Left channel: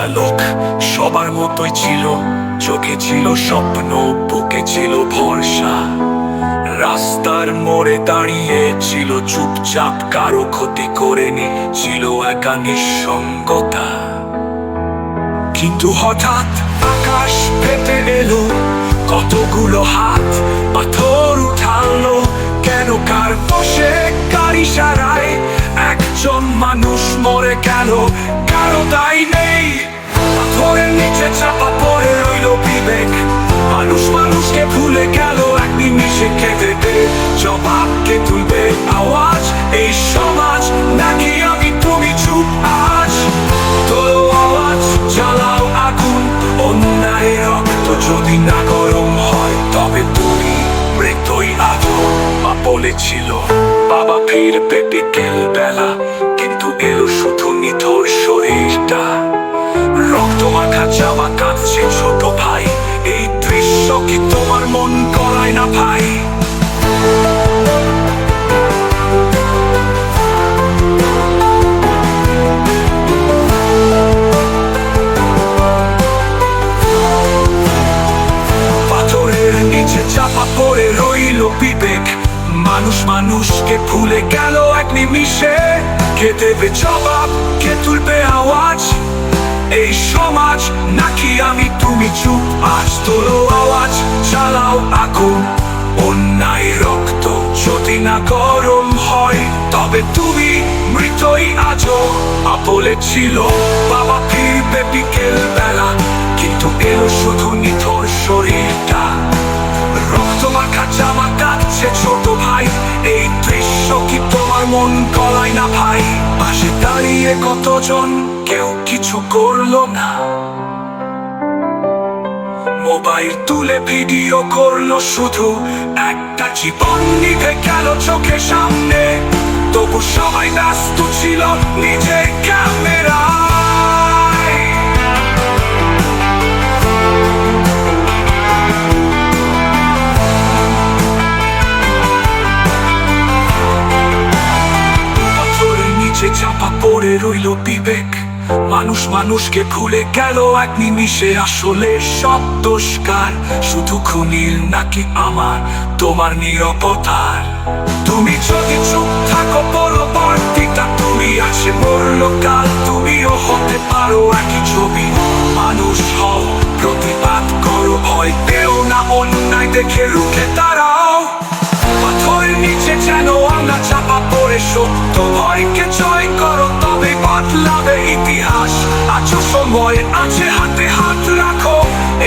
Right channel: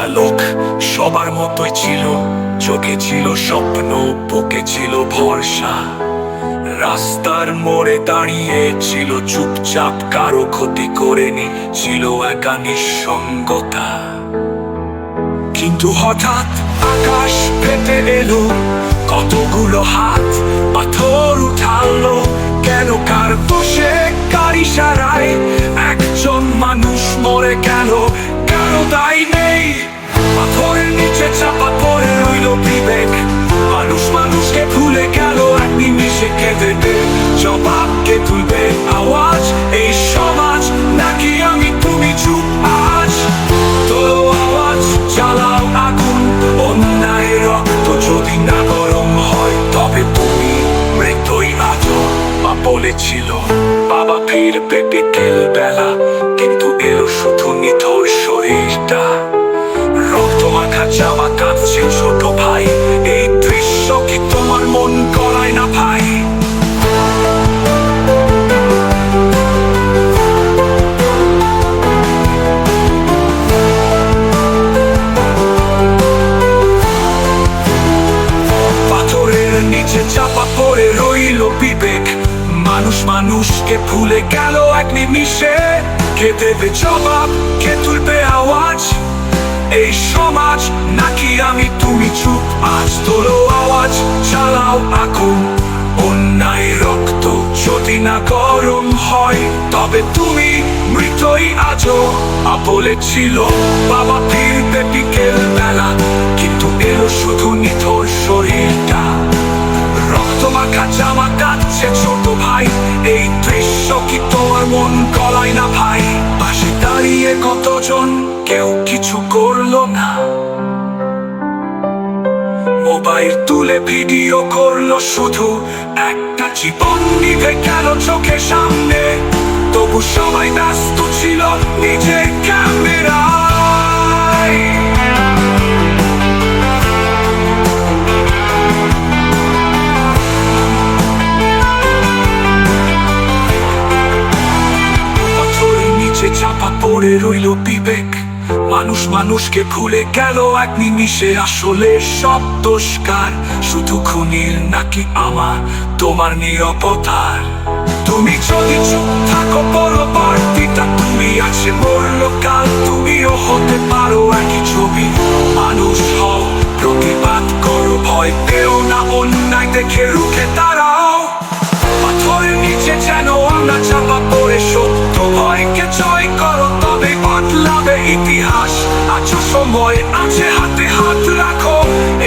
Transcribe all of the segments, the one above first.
একটা লোক সবার মতোই ছিল। চোখে ছিল স্বপ্ন, বুকে ছিল ভরসা। রাস্তার মোড়ে দাঁড়িয়ে ছিল চুপচাপ, কারও ক্ষতি করেনি ছিল একা নিঃসঙ্গতা। কিন্তু হঠাৎ আকাশ পেতে এলো, কতগুলো হাত পাথর উঠালো, কেন কার বসে কার ইশারায় একজন মানুষ মরে গেল কারও দায় নেই। পাথরের নিচে চাপা পড়ে রইল বিবেক। মানুষ মানুষকে ভুলে গেল, এক নিমিষে কে দেবে জবাবকে তুলবে আওয়াজ, এই সমাজ। নাকি আমি, তুমি চুপ আজ? তোলো আওয়াজ, জ্বালাও আগুন, অন্যায় রক্ত যদি না গরম হয়, তবে তুমি মৃতই আজো মা বলেছিল বাবা ফিরবে বিকেল বেলা কিন্তু এলো শুধু নিথর শরীরটা। মাখা জামা কাঁদছে ছোট ভাই। এই দৃশ্য কি তোমার মন করায় না ভাই? পাথরের নিচে চাপা পড়ে রইল বিবেক। মানুষ মানুষকে ভুলে গেল এক নিমিষে। কে দেবে জবাব? কে তুলবে আওয়াজ? এই সমাজ, নাকি আমি তুমি চুপ? আজ তোলো আওয়াজ, চালাও আগুন। অন্যায় রক্ত যদি না গরম হয়, তবে তুমি মৃতই আজও। মা বলেছিল বাবা ফিরবে বিকেল বেলা, কিন্তু এলো শুধু নিথর শরীরটা। রক্ত মাখা জামা কাটছে ছোট ভাই, এই দৃশ্য কি তোমার মন গলায় না ভাই? পাশে দাঁড়িয়ে কতজন কেউ কিছু করল না। মোবাইল তুলে ভিডিও করল শুধু একটা জীবন নিভে গেল চোখের সামনে। তবু সবাই ব্যস্ত ছিল নিজের ক্যামেরায় পাথরের চাপা পড়ে রইল বিবেক। মানুষ মানুষকে ভুলে গেল এক নিমিষে। আসলে সব দোষকার শুধু খুনির নাকি আমার? তোমার নিরপতার তুমি যদি চুপ থাকো বলো বার্তিটা তুমি আছে মরলো কাল। তুমিও হতে পারো একই ছবি। মানুষ হও, প্রতিবাদ করো, ভয় পেও না। অন্যায় দেখে রুখে দাঁড়াও। পাথরের নিচে যেন আমরা চাপা পড়ে সত্য ভয়কে জয় করো, তবে বদলাবে ইতিহাস। আছো সময় আছে, হাতে হাত রাখো।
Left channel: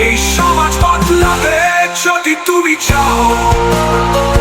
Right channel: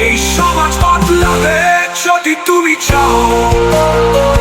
এই সমাজ বদলাবে যদি তুমি চাও।